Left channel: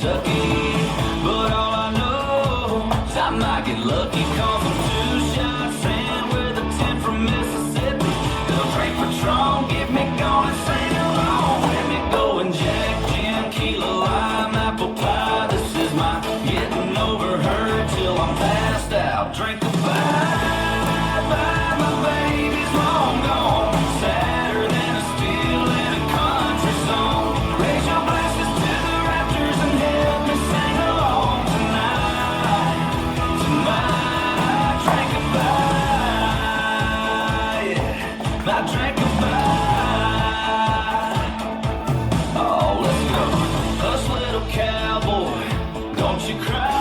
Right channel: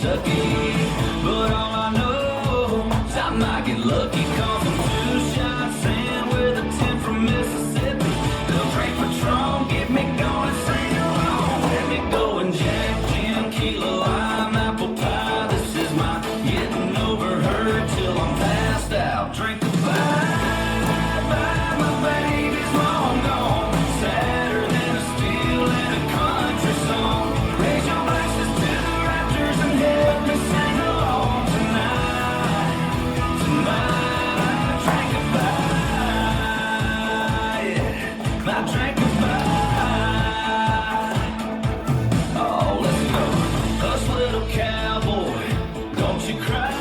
Kentucky. But all I know is I might get lucky, 'cause I'm 2 shots in with a 10 from Mississippi. They'll drink Patron, get me going and sing along. Let me go and Jack, Jim, Kilo, lime, apple pie. This is my getting over her till I'm passed out. Drink a bye, my baby's long gone. Sadder than a steel in a country song. Raise your glasses to the rafters and help me sing along tonight. Tonight, drink a bye, yeah, my drink a bye. Oh, let's go. Hush, little cowboy, don't you cry.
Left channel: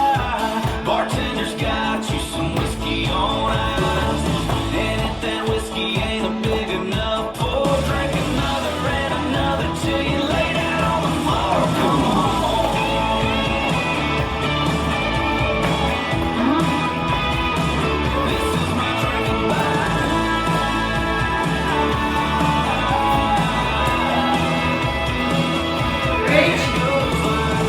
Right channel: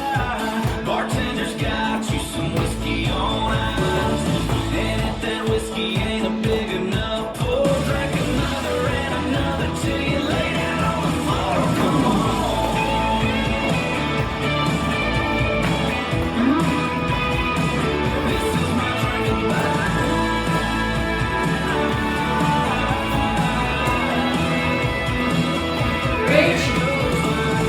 Bartender's got you some whiskey on ice. And if that whiskey ain't a big enough, pour, drink another and another till you lay down on the floor. Come on. This is my drink of bye.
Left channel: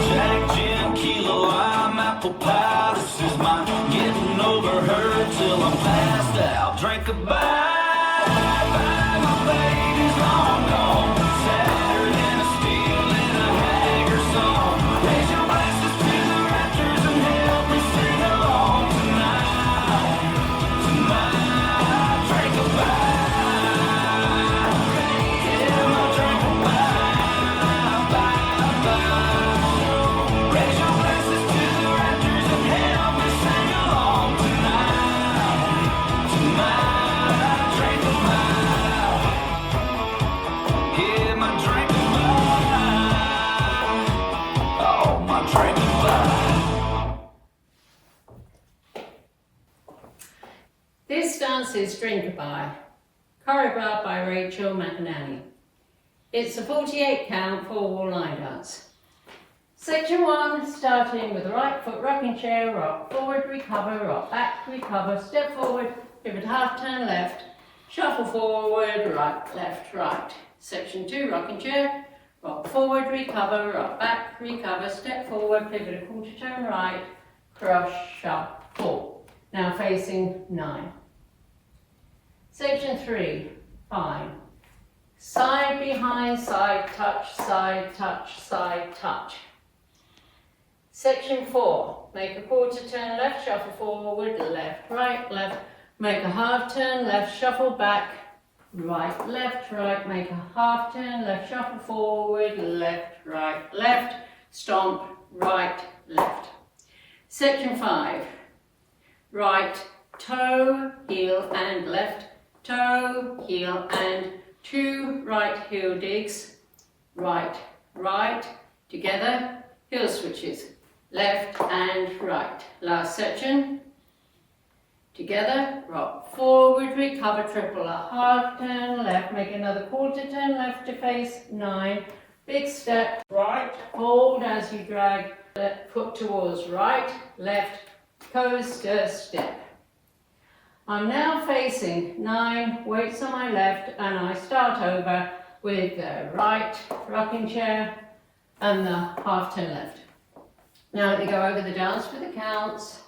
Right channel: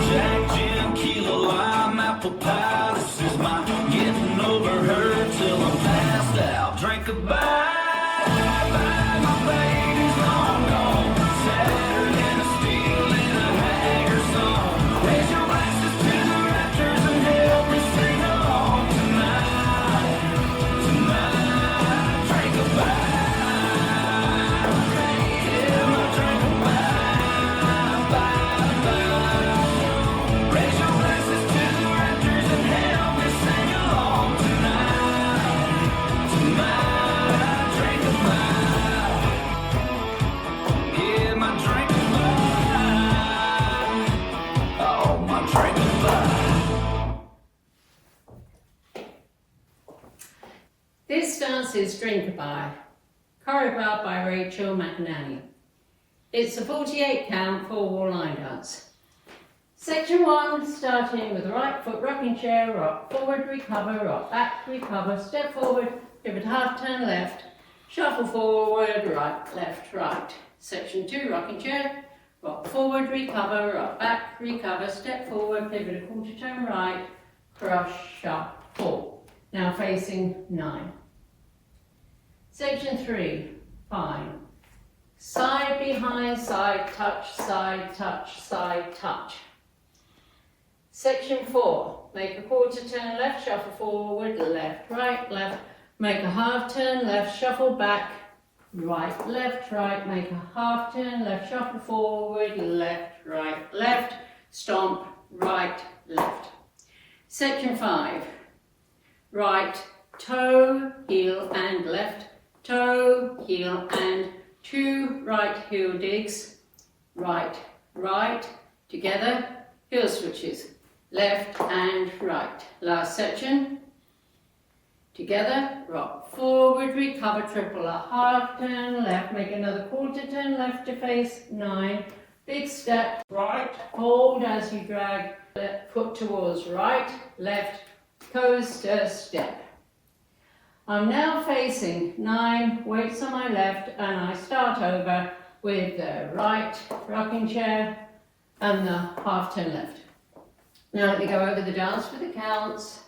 Jack, Jim, Kilo, lime, apple pie. This is my getting over her till I'm passed out. Drink a bye, my baby's long gone. Sadder than a steel in a hanger song. Raise your glasses to the rafters and help me sing along tonight. Tonight, drink a bye. Yeah, my drink a bye, bye. Raise your glasses to the rafters and help me sing along tonight. Tonight, drink a bye. Yeah, my drink a bye. Oh, my drink a bye. This dance is Drinkaby, choreographed by Rachel McInerney. It's a 48 count 4-wall line dance. Section 1, starting with the right foot rocking chair, rock forward, recover, rock back, recover, step forward, pivot half turn left, shuffle forward, right, left, right. Section 2, rocking chair, rock forward, recover, rock back, recover, step forward, pivot a quarter turn right, cross, shuffle. Now facing 9. Section 3, fine. Side behind, side touch, side touch, side touch. Section 4, make a quarter turn left, shuffle forward, left, right, left. Make a half turn left, shuffle back, right, left, make a half turn left, shuffle forward, left, right, left. Stomp, right, left. Section 5, right, toe, heel and left, toe, heel and 2 right heel digs, right, right, together, heel switches, left and right. Last section, together, rock forward, recover, triple a half turn left, make another quarter turn left to face 9, big step, right, hold as you drag left foot towards right, left, coaster step. I'm now facing 9, weights on my left, and I start over with the right rocking chair and the half turn left. Now let me go over the dance for the counts.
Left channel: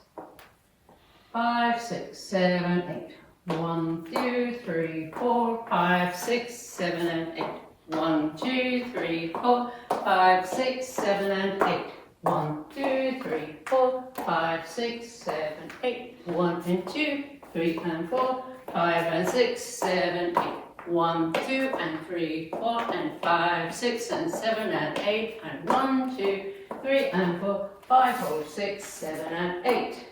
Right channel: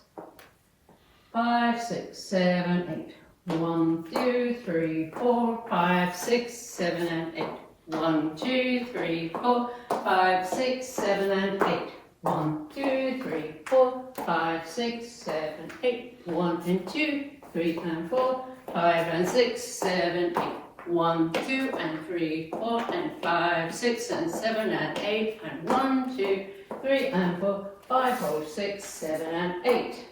5, 6, 7, 8. 1, 2, 3, 4, 5, 6, 7 and 8. 1, 2, 3, 4, 5, 6, 7 and 8. 1, 2, 3, 4, 5, 6, 7, 8. 1 and 2, 3 and 4, 5 and 6, 7, 8. 1, 2 and 3, 4 and 5, 6 and 7 and 8. And 1, 2, 3 and 4, 5, 4, 6, 7 and 8.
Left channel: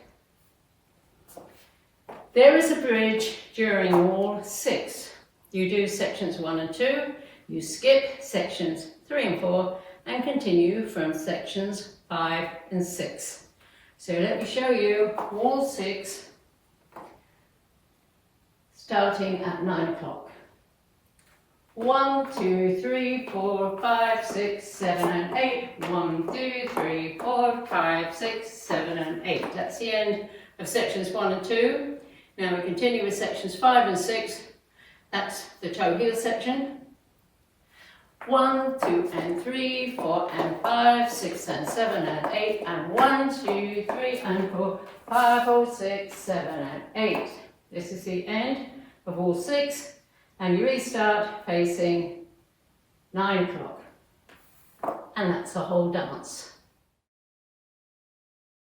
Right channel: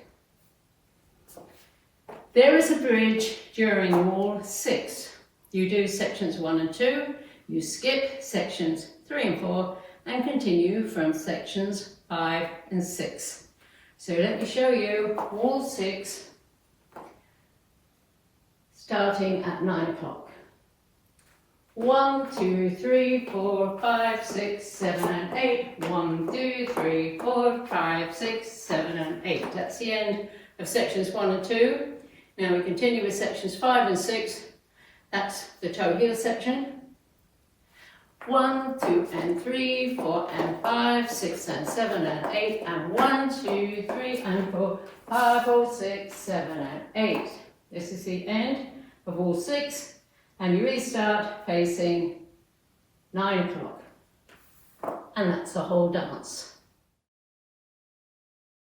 There is a bridge during wall 6. You do sections 1 and 2, you skip sections 3 and 4, and continue from sections 5 and 6. So let me show you wall 6, starting at 9 o'clock. 1, 2, 3, 4, 5, 6, 7 and 8. 1, 2, 3, 4, 5, 6, 7 and 8. That's the end of sections 1 and 2. Now we continue with sections 5 and 6. That's the toe heel section. 1, 2 and 3, 4 and 5, 6 and 7 and 8 and 1, 2, 3 and 4, 5, 4, 6, 7 and 8. This is the end of all 6 and you restart facing 9 o'clock. And that's the whole dance.